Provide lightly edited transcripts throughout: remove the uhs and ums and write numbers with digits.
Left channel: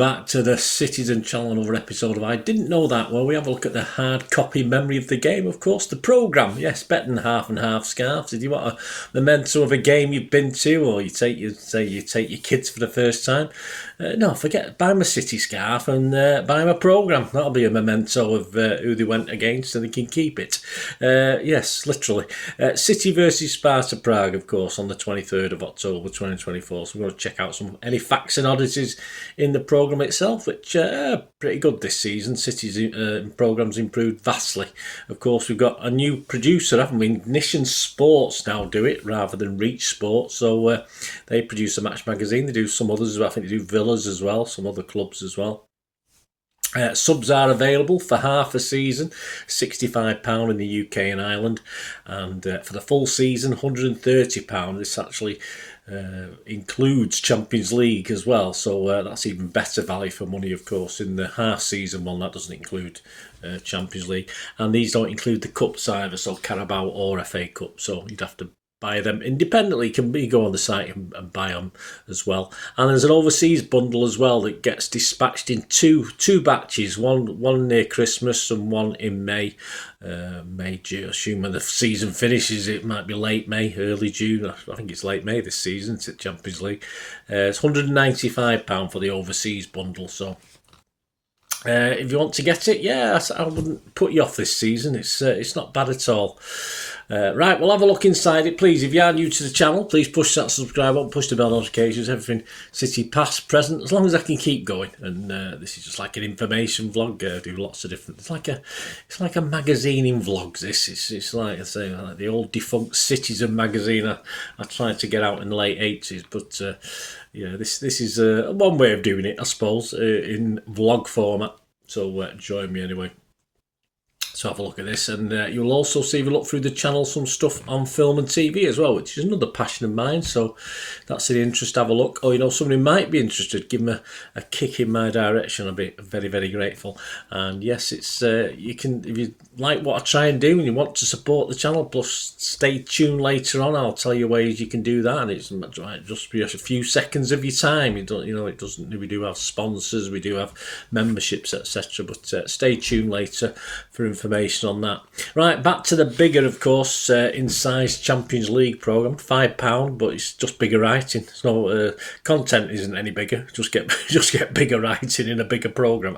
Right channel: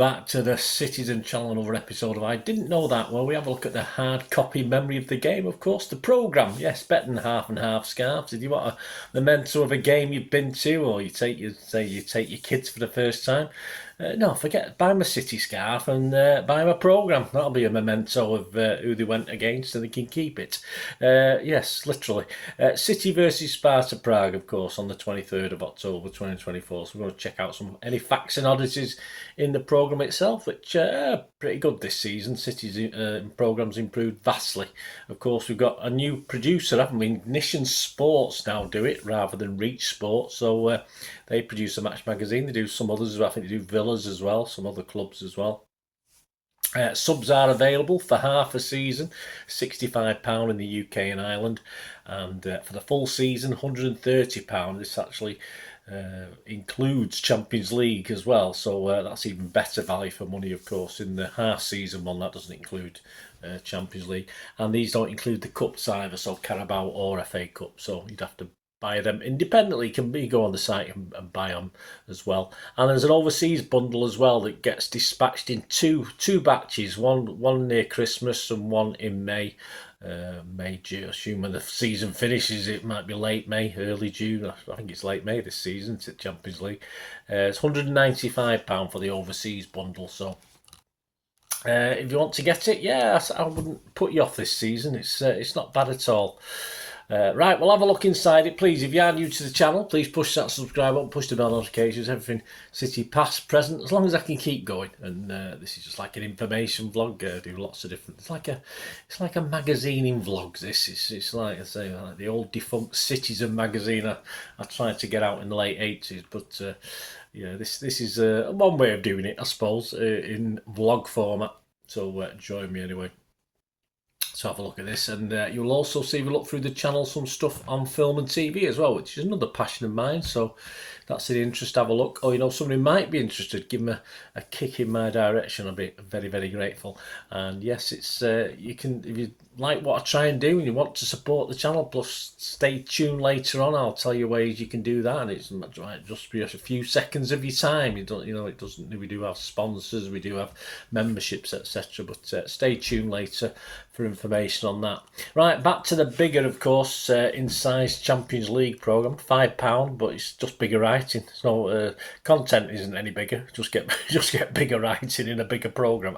back to the Citizen Channel, another episode of I Didn't Know That, where we have a look at the hard copy memory of the game, of course, the programme. Yes, better than half and half scarves. If you want a memento of a game you've been to, or you take your kids for the first time, no, forget, buy them a City scarf and buy them a programme. That'll be a memento of who they went against and they can keep it. Yes, literally. City versus Sparta Prague, of course, on the 23rd of October 2024. So we're going to check out any facts and oddities in the programme itself, which are pretty good this season. City's programme's improved vastly. Of course, we've got a new producer, haven't we? Ignition Sports now do it rather than Reach Sports. So they produce a match magazine. They do some others as well. I think they do Villas as well, some other clubs as well. Subs are available for half a season, £65 in the UK and Ireland, and for the full season, £130. This actually includes Champions League as well, so that's even better value for money, of course. In the half season one, that doesn't include Champions League, and these don't include the cups either, so Carabao or FA Cup, so you'd have to buy them independently. Can you go on the site and buy them as well? And there's an overseas bundle as well that gets dispatched in two batches, one near Christmas and one in May. June, assuming the season finishes, it might be late May, early June. I think it's late May this season. It's at Champions League. It's £195 for the overseas bundle. So if you want to get it, yeah, I wouldn't put you off this season. It's not bad at all. Right, we'll have a look inside it, please. If you are new to the channel, please push that subscribe button, push the bell notifications, everything City past, present, as long as I can keep going. And this is just like an information vlog. I do lots of different. It's like a magazine in vlogs. It's like I say, like the old defunct Citizen magazine. I tried to get out in the late 80s, but yeah, this is one way of doing it, I suppose, in vlog format. So join me anyway. So have a look at this, and you'll also see, if you look through the channel, some stuff on film and TV as well, which is another passion of mine. So that's an interest. Have a look. Or somebody might be interested, give them a kick in my direction. I'll be very, very grateful. And yes, it's you can, if you like what I try and do and you want to support the channel, plus stay tuned later on. I'll tell you ways you can do that, and it's just be a few seconds of your time. It doesn't. We do have sponsors, we do have memberships, etc. But stay tuned later for information on that. Right, back to the bigger, of course, in size Champions League programme. £5, but it's just bigger writing. So content isn't any bigger. Just get bigger writing in a bigger programme.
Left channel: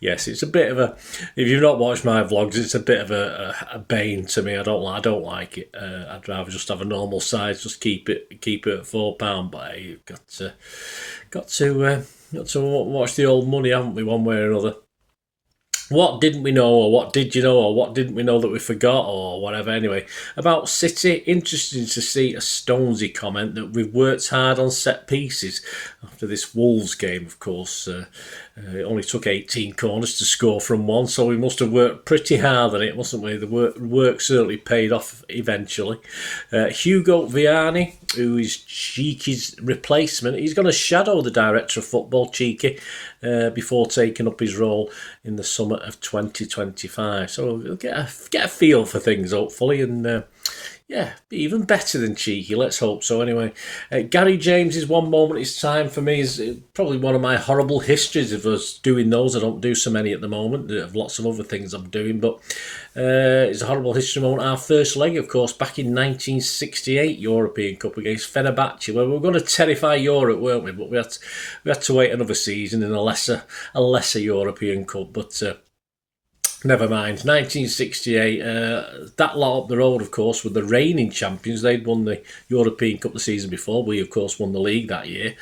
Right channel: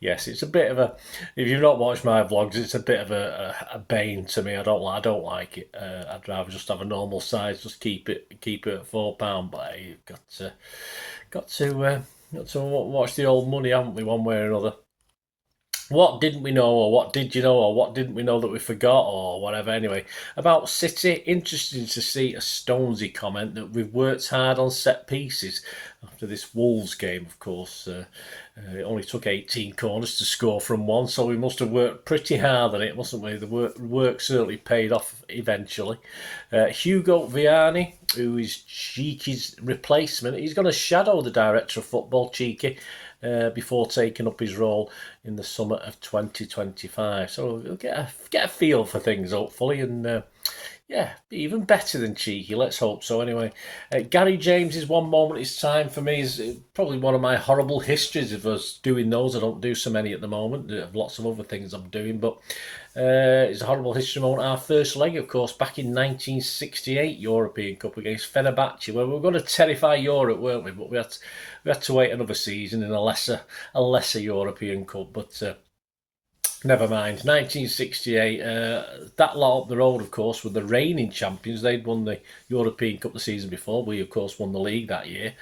Yes, it's a bit of a. If you've not watched my vlogs, it's a bit of a bane to me. I don't like it. I'd rather just have a normal size. Just keep it at £4. But you've got to watch the old money, haven't we? One way or another. What didn't we know, or what did you know, or what didn't we know that we forgot, or whatever. Anyway, about City, interesting to see a Stonesy comment that we've worked hard on set pieces after this Wolves game, of course. It only took 18 corners to score from one, so we must have worked pretty hard on it, mustn't we? The work certainly paid off eventually. Hugo Vianney, who is Cheeky's replacement, he's going to shadow the director of football, Cheeky, before taking up his role in the summer of 2025. So we'll get a feel for things, hopefully, and yeah, even better than Cheeky, let's hope so. Anyway, Gary James's One Moment Is Time for me is probably one of my horrible histories of us doing those. I don't do so many at the moment. I have lots of other things I'm doing, but it's a horrible history moment. Our first leg, of course, back in 1968 European Cup against Fenerbahce, where we were going to terrify Europe, weren't we? But we had to wait another season in a lesser European Cup, but never mind. 1968, that lot up the road, of course, were the reigning champions. They'd won the European Cup the season before. We, of course, won the league that year.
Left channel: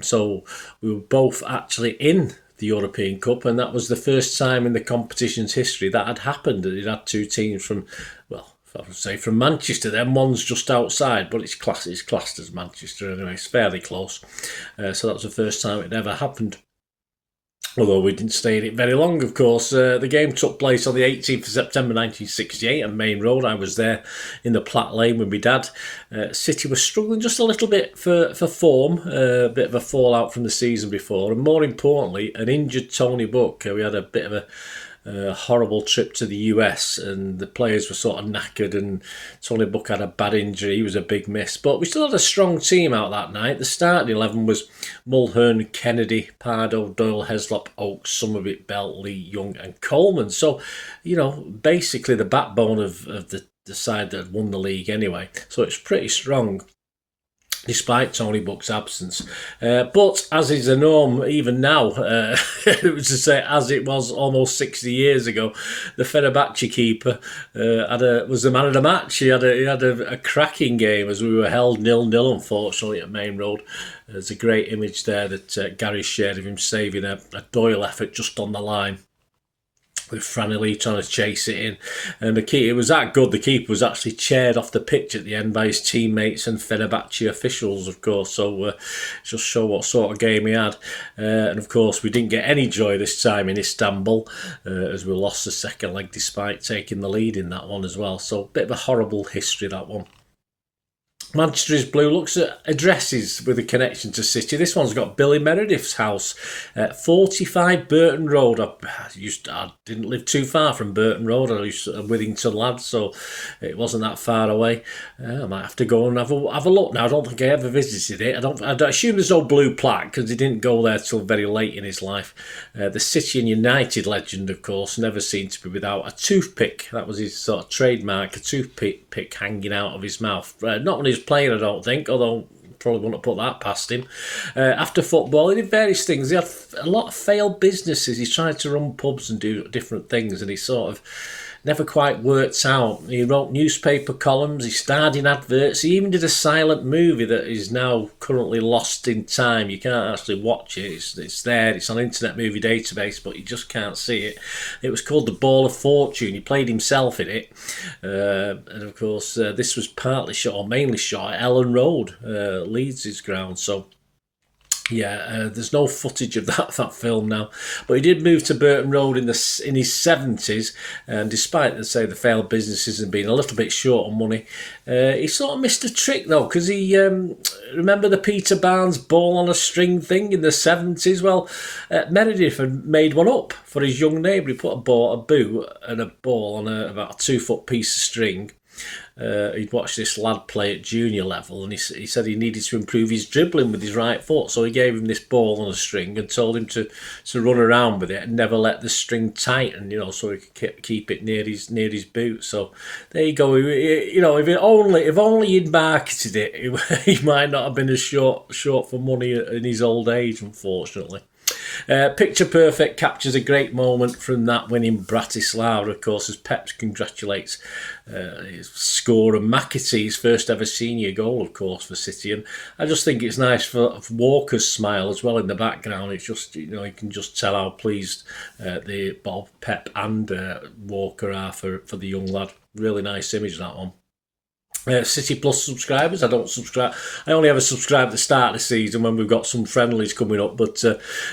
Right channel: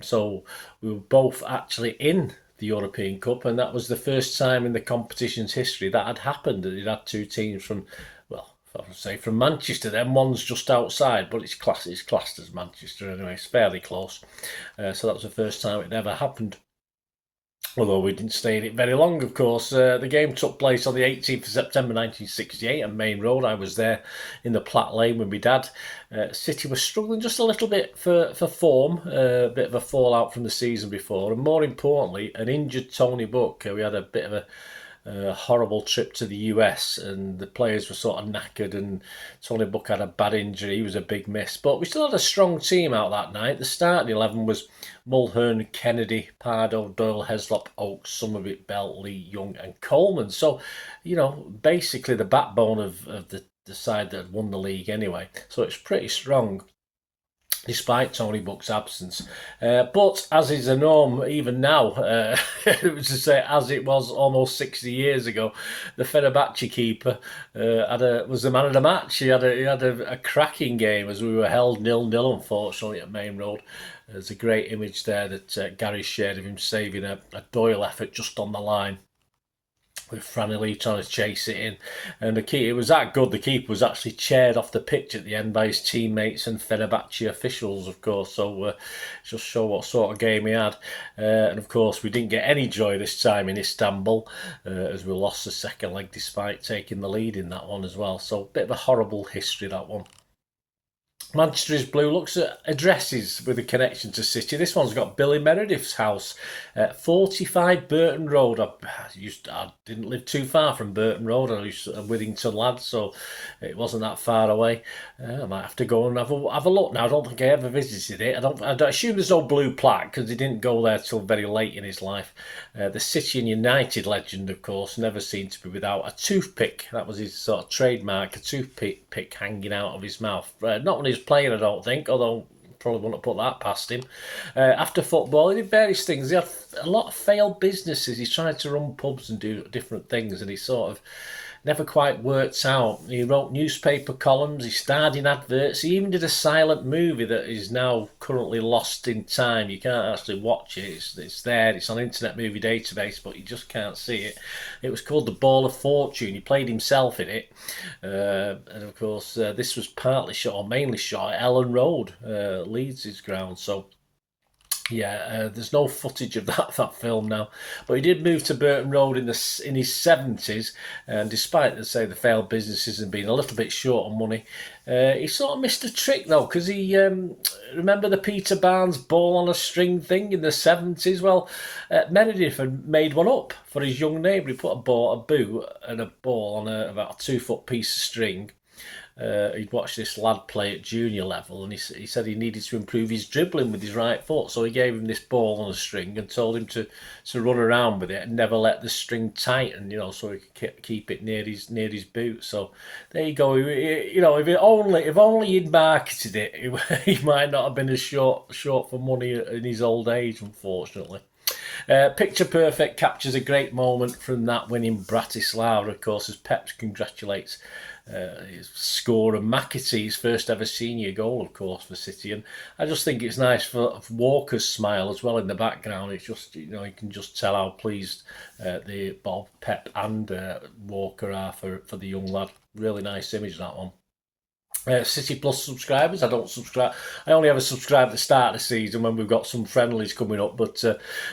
So we were both actually in the European Cup, and that was the first time in the competition's history that had happened. It had two teams from, well, I would say from Manchester, then one's just outside, but it's classed as Manchester anyway. It's fairly close. So that was the first time it ever happened. Although we didn't stay in it very long, of course. The game took place on the 18th of September 1968 on Main Road. I was there in the Platt Lane with my dad. City was struggling just a little bit for form, a bit of a fallout from the season before, and more importantly, an injured Tony Buck. We had a bit of a horrible trip to the US, and the players were sort of knackered, and Tony Buck had a bad injury. He was a big miss. But we still had a strong team out that night. The starting 11 was Mulhern, Kennedy, Pardo, Doyle, Heslop, Oakes, Somerville, Bell, Lee, Young and Coleman. So, basically the backbone of the side that had won the league anyway. So it's pretty strong, despite Tony Buck's absence. But as is the norm, even now, it was to say, as it was almost 60 years ago, the Fenerbahce keeper was the man of the match. He had a cracking game as we were held 0-0, unfortunately, at Main Road. There's a great image there that Gary shared of him saving a Doyle effort just on the line, with Franny trying to chase it in. And it was that good, the keeper was actually chaired off the pitch at the end by his teammates and Fenerbahce officials, of course. So just show what sort of game he had. And of course, we didn't get any joy this time in Istanbul, as we lost the second leg despite taking the lead in that one as well. So a bit of a horrible history, that one. Manchester is Blue looks at addresses with a connection to City. This one's got Billy Meredith's house at 45 Burton Road. I didn't live too far from Burton Road. I used to Withington lad, so it wasn't that far away. I might have to go and have a look now. I don't think I ever visited it. I don't assume there's no blue plaque because he didn't go there till very late in his life. The City and United legend, of course, never seemed to be without a toothpick. That was his sort of trademark, a toothpick hanging out of his mouth. Not when he was playing, I don't think, although probably wouldn't have put that past him. After football, he did various things. He had a lot of failed businesses. He tried to run pubs and do different things, and he sort of never quite worked out. He wrote newspaper columns, he starred in adverts, he even did a silent movie that is now currently lost in time. You can't actually watch it, it's there, it's on Internet Movie Database, but you just can't see it. It was called The Ball of Fortune. He played himself in it, and of course this was partly shot, or mainly shot, at Ellen Road, Leeds' ground. So yeah, there's no footage of that film now, but he did move to Burton Road in his 70s, and despite the failed businesses and being a little bit short on money, he sort of missed a trick though, because he remember the Peter Barnes ball on a string thing in the 70s. Well, Meredith had made one up for his young neighbour. He put a boot and a ball on about a 2-foot piece of string. He'd watched this lad play at junior level, and he said he needed to improve his dribbling with his right foot, so he gave him this ball on a string and told him to run around with it and never let the string tighten, so he could keep it near his boot. So there you go. If only he'd marketed it, he might not have been as short for money in his old age, unfortunately. Picture Perfect captures a great moment from that win in Bratislava, of course, as Pep congratulates his scorer McAtee's first ever senior goal, of course, for City. And I just think it's nice for Walker's smile as well in the background. It's just, you can just tell how pleased the Bob, Pep and Walker are for the young lad. Really nice image, that one. City Plus subscribers, I don't subscribe. I only ever subscribe at the start of the season when we've got some friendlies coming up. But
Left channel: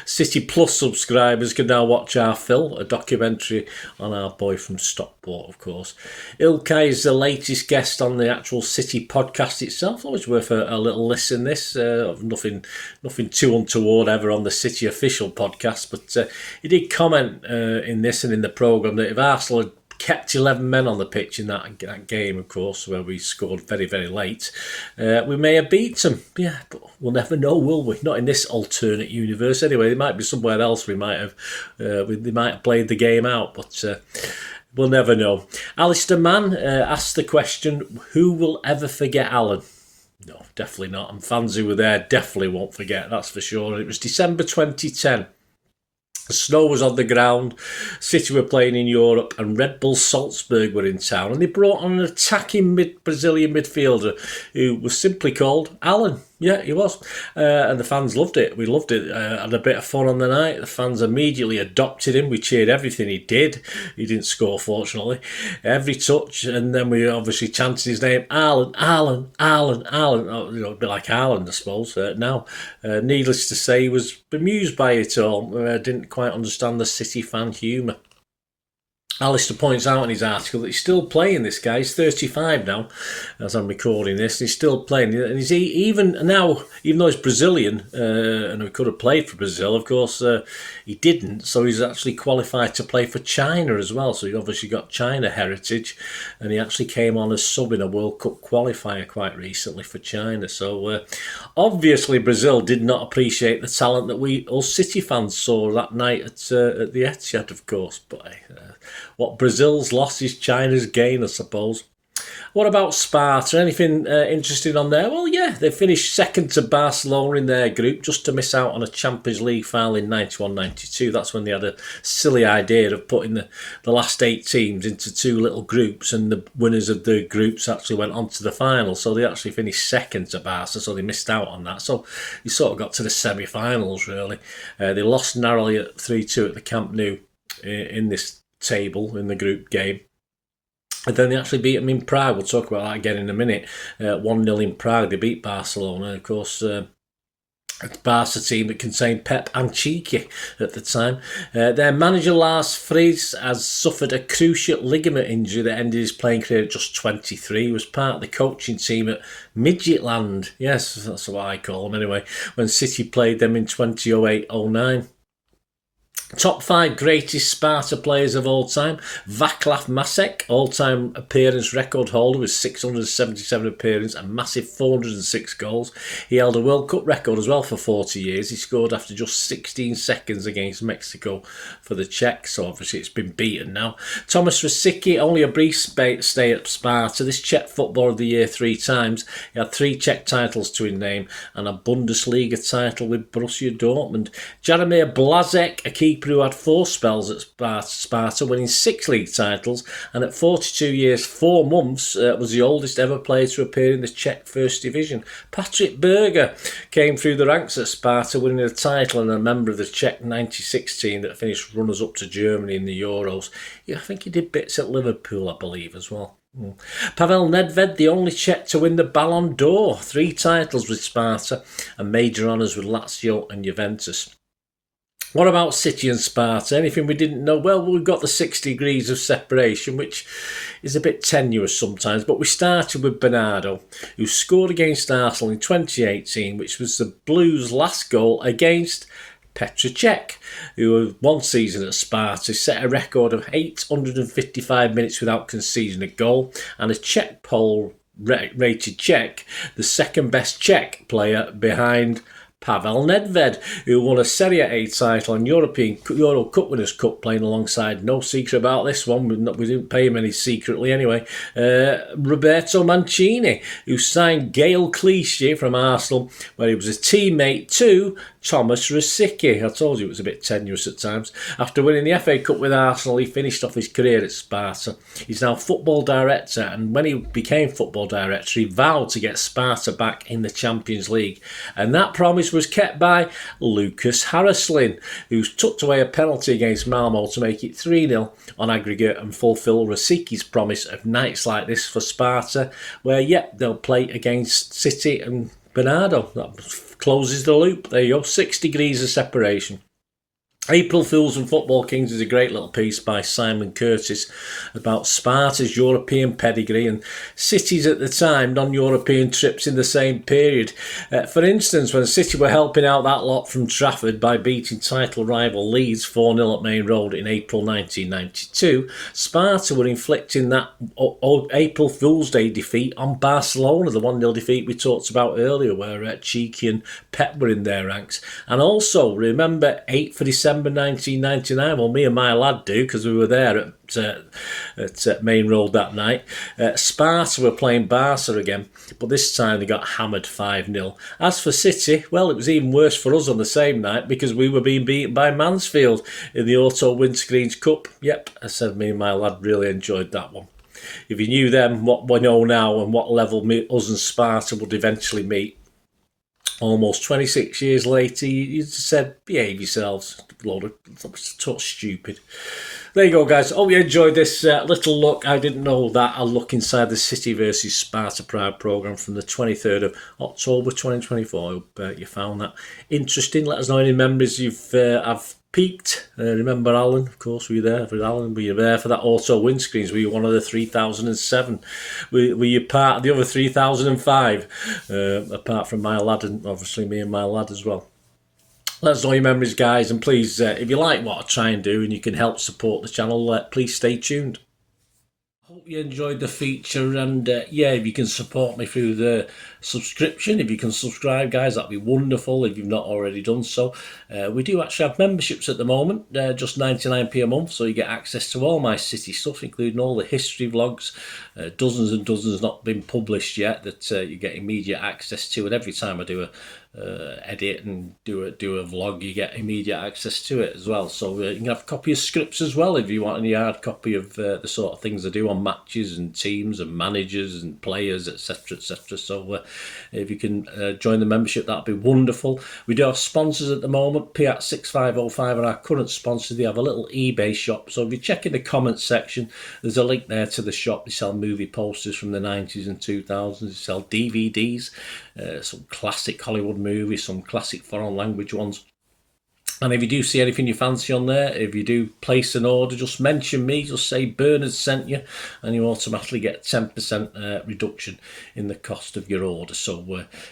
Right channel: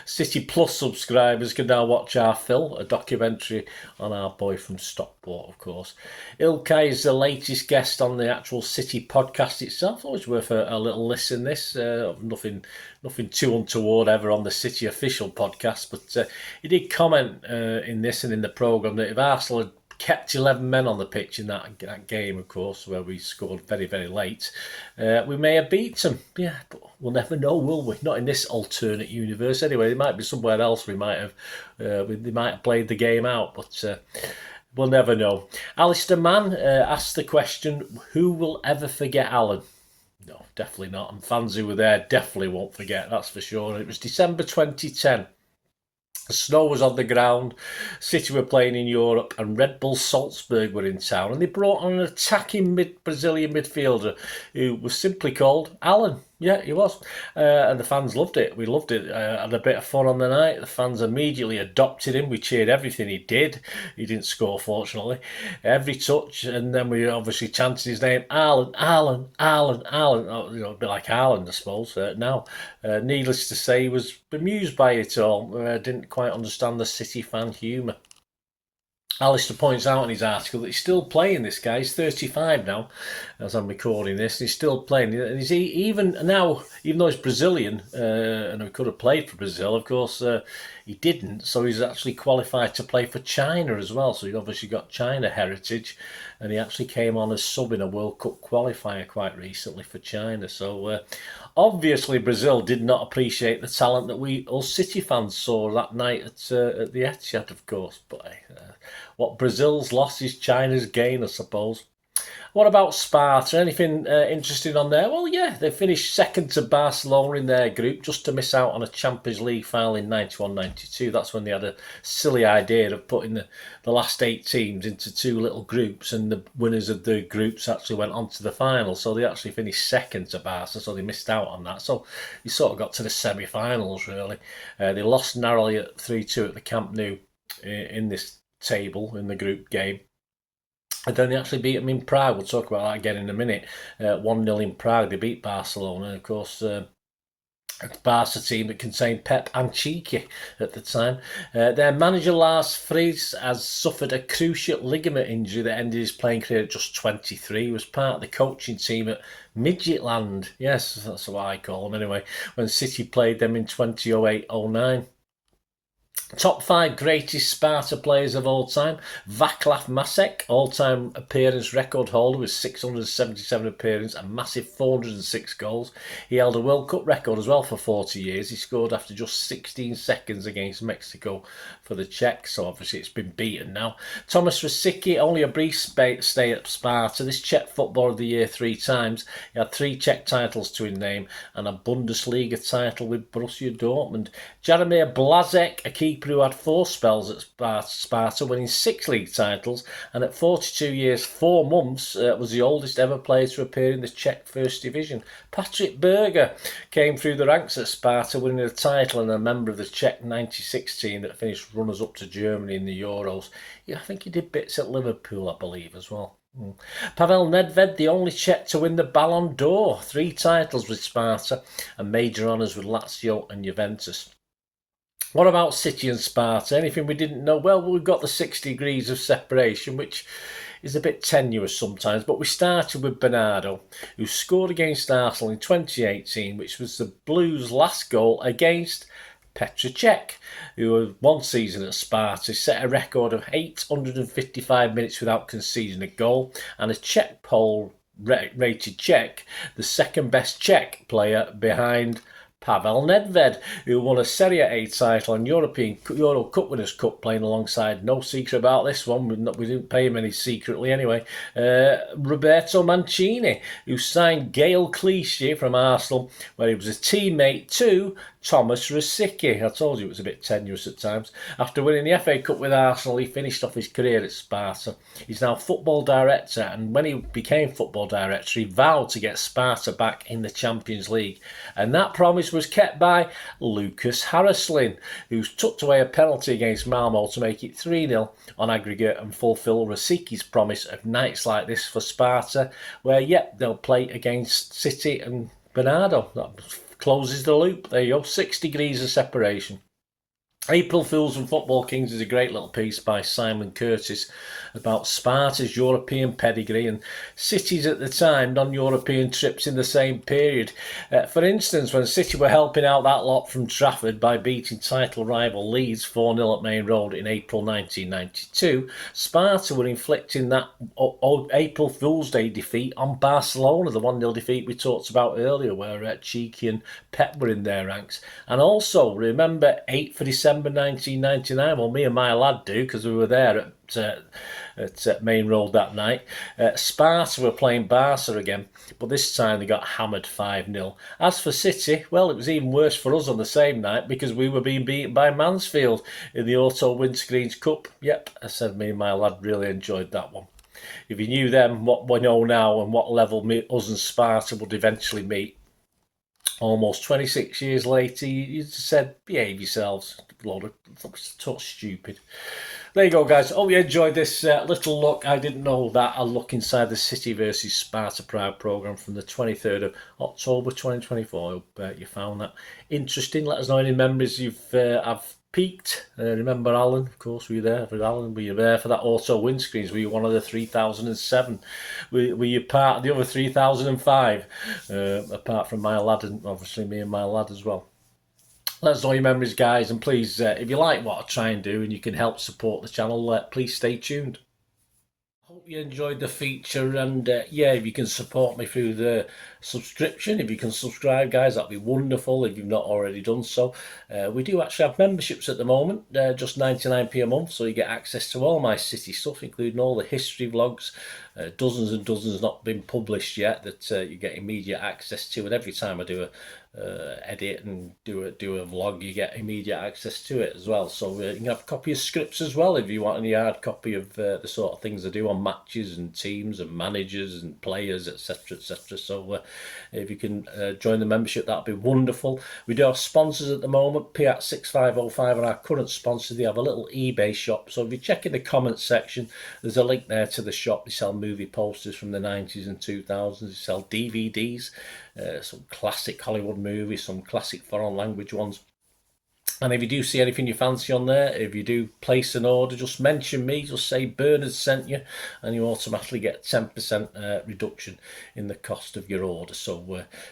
City Plus subscribers can now watch our film, a documentary on our boy from Stockport, of course. Ilkay is the latest guest on the actual City podcast itself. Always worth a little listen. This nothing too untoward ever on the City official podcast, but he did comment in this and in the programme that if Arsenal had kept 11 men on the pitch in that game, of course, where we scored very, very late, we may have beat them. Yeah, but we'll never know, will we? Not in this alternate universe. Anyway, it might be somewhere else. They might have played the game out, but we'll never know. Alistair Mann asked the question, who will ever forget Alan? No, definitely not. And fans who were there definitely won't forget, that's for sure. It was December 2010. The snow was on the ground, City were playing in Europe, and Red Bull Salzburg were in town, and they brought on an attacking Brazilian midfielder who was simply called Alan. Yeah, he was. And the fans loved it. We loved it. Had a bit of fun on the night. The fans immediately adopted him. We cheered everything he did. He didn't score, fortunately. Every touch. And then we obviously chanted his name, Alan, Alan, Alan, Alan. Oh, a bit like Alan, I suppose, now. Needless to say, he was bemused by it all. Didn't quite understand the City fan humour. Alistair points out in his article that he's still playing, this guy. He's 35 now, as I'm recording this. He's still playing. And he's even now, even though he's Brazilian, and he could have played for Brazil, of course, he didn't. So he's actually qualified to play for China as well. So he obviously got China heritage. And he actually came on as sub in a World Cup qualifier quite recently for China. So obviously Brazil did not appreciate the talent that us City fans saw that night at the Etihad, of course. But what Brazil's loss is China's gain, I suppose. What about Sparta? Anything interesting on there? Well, yeah, they finished second to Barcelona in their group, just to miss out on a Champions League final in 91-92. That's when they had a silly idea of putting the last 8 teams into 2 little groups, and the winners of the groups actually went on to the final. So they actually finished second to Barca, so they missed out on that. So you sort of got to the semi-finals, really. They lost narrowly at 3-2 at the Camp Nou in this table, in the group game. And then they actually beat them in Prague. We'll talk about that again in a minute. 1-0 in Prague. They beat Barcelona. Of course, a Barca team that contained Pep and Cheeky at the time. Their manager, Lars Friis, has suffered a cruciate ligament injury that ended his playing career at just 23. He was part of the coaching team at Midgetland. Yes, that's what I call them anyway. When City played them in 2008-09. Top 5 greatest Sparta players of all time. Vaclav Masek, all-time appearance record holder with 677 appearances and massive 406 goals. He held a World Cup record as well for 40 years. He scored after just 16 seconds against Mexico for the Czechs, so obviously it's been beaten now. Thomas Rosicky, only a brief stay at Sparta. This Czech Footballer of the Year 3 times. He had 3 Czech titles to his name and a Bundesliga title with Borussia Dortmund. Jaromir Blazek, a keeper who had 4 spells at Sparta, winning 6 league titles, and at 42 years 4 months was the oldest ever player to appear in the Czech First Division. Patrick Berger came through the ranks at Sparta, winning a title and a member of the Czech 96 team that finished runners-up to Germany in the Euros. Yeah, I think he did bits at Liverpool, I believe, as well. Pavel Nedved, the only Czech to win the Ballon d'Or, 3 titles with Sparta and major honours with Lazio and Juventus. What about City and Sparta? Anything we didn't know? Well, we've got the 6 degrees of separation, which is a bit tenuous sometimes, but we started with Bernardo, who scored against Arsenal in 2018, which was the Blues' last goal against Petr Cech, who 1 season at Sparta set a record of 855 minutes without conceding a goal, and a Czech poll rated Cech the second best Czech player behind Pavel Nedved, who won a Serie A title and Euro Cup Winners' Cup, playing alongside, no secret about this one, we didn't pay him any secretly anyway, Roberto Mancini, who signed Gael Clichy from Arsenal, where he was a teammate to Thomas Rosicky. I told you it was a bit tenuous at times. After winning the FA Cup with Arsenal, he finished off his career at Sparta. He's now football director, and when he became football director, he vowed to get Sparta back in the Champions League. And that promise was kept by Lucas Haraslin, who tucked away a penalty against Malmo to make it 3-0 on aggregate and fulfil Rosicky's promise of nights like this for Sparta, where, they'll play against City and Bernardo. That closes the loop. There you go, 6 degrees of separation. April Fools and Football Kings is a great little piece by Simon Curtis about Sparta's European pedigree and City's at the time non-European trips in the same period. For instance, when City were helping out that lot from Trafford by beating title rival Leeds 4-0 at Main Road in April 1992, Sparta were inflicting that April Fool's Day defeat on Barcelona, the 1-0 defeat we talked about earlier, where Cheeky and Pep were in their ranks. And also, remember 8th of December 1999, well, me and my lad do, because we were there at Main Road that night. Sparta were playing Barca again, but this time they got hammered 5-0. As for City, well, it was even worse for us on the same night, because we were being beaten by Mansfield in the Auto Windscreens Cup. Yep, I said me and my lad really enjoyed that one. If you knew then what we know now and what level us and Sparta would eventually meet, almost 26 years later, you said, behave yourselves. Load of stupid. There you go, guys. Hope you enjoyed this little look. I didn't know that. I'll look inside the City versus Sparta Prague programme from the 23rd of October 2024. I hope you found that interesting. Let us know any memories you've have peaked. Remember Alan? Of course, were you there for Alan? Were you there for that Auto Windscreens? Were you one of the 3007? Were you part of the other 3005? Apart from my lad, and obviously me and my lad as well. Let us know your memories, guys, and please, if you like what I try and do and you can help support the channel, please stay tuned. Hope you enjoyed the feature, and yeah, if you can support me through the subscription, if you can subscribe, guys, that'd be wonderful if you've not already done so. We do actually have memberships at the moment, just 99p a month, so you get access to all my city stuff, including all the history vlogs, dozens and dozens not been published yet that you get immediate access to, and every time I do a edit and do a vlog, you get immediate access to it as well. So you can have a copy of scripts as well if you want any hard copy of the sort of things I do on matches and teams and managers and players, etc, etc. So if you can join the membership, that'd be wonderful. We do have sponsors at the moment. Piat6505 are our current sponsor. They have a little eBay shop, so if you check in the comments section, there's a link there to the shop. They sell movie posters from the 90s and 2000s. They sell DVDs, some classic Hollywood movies, some classic foreign language ones. And if you do see anything you fancy on there, if you do place an order, just mention me, just say Bernard sent you, and you automatically get 10% reduction in the cost of your order. So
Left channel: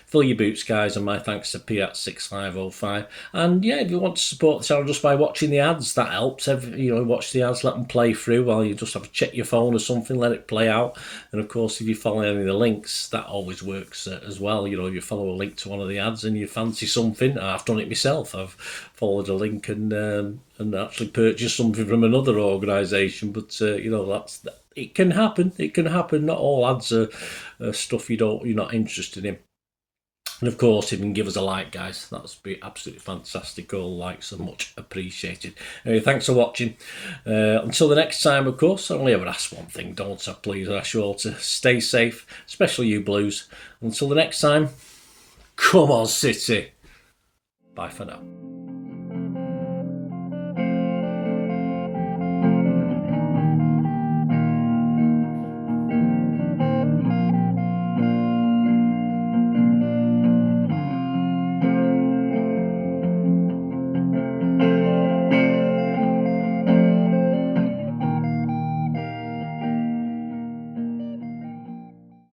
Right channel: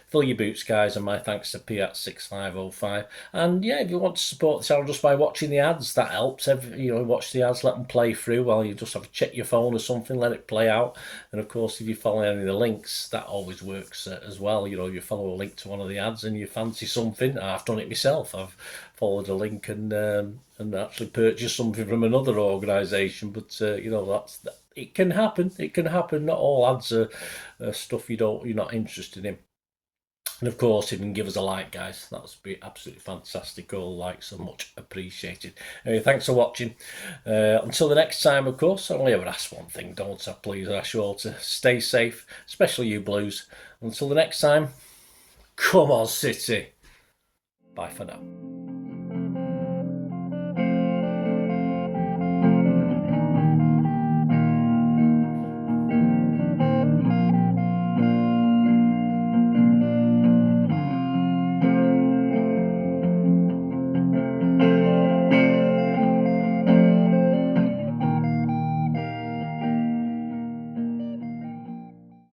fill your boots, guys, and my thanks to Piat6505. And yeah, if you want to support the channel just by watching the ads, that helps. Watch the ads, let them play through while you just have to check your phone or something, let it play out. And of course, if you follow any of the links, that always works as well. If you follow a link to one of the ads and you fancy something, I've done it myself. I've followed a link and actually purchased something from another organisation. But it can happen. It can happen. Not all ads are stuff you're not interested in. And of course, if you can give us a like, guys, that would be absolutely fantastic. All the likes are much appreciated. Anyway, thanks for watching. Until the next time, of course, I only ever ask one thing, don't I? Please, I ask you all to stay safe, especially you Blues. Until the next time, come on, City. Bye for now.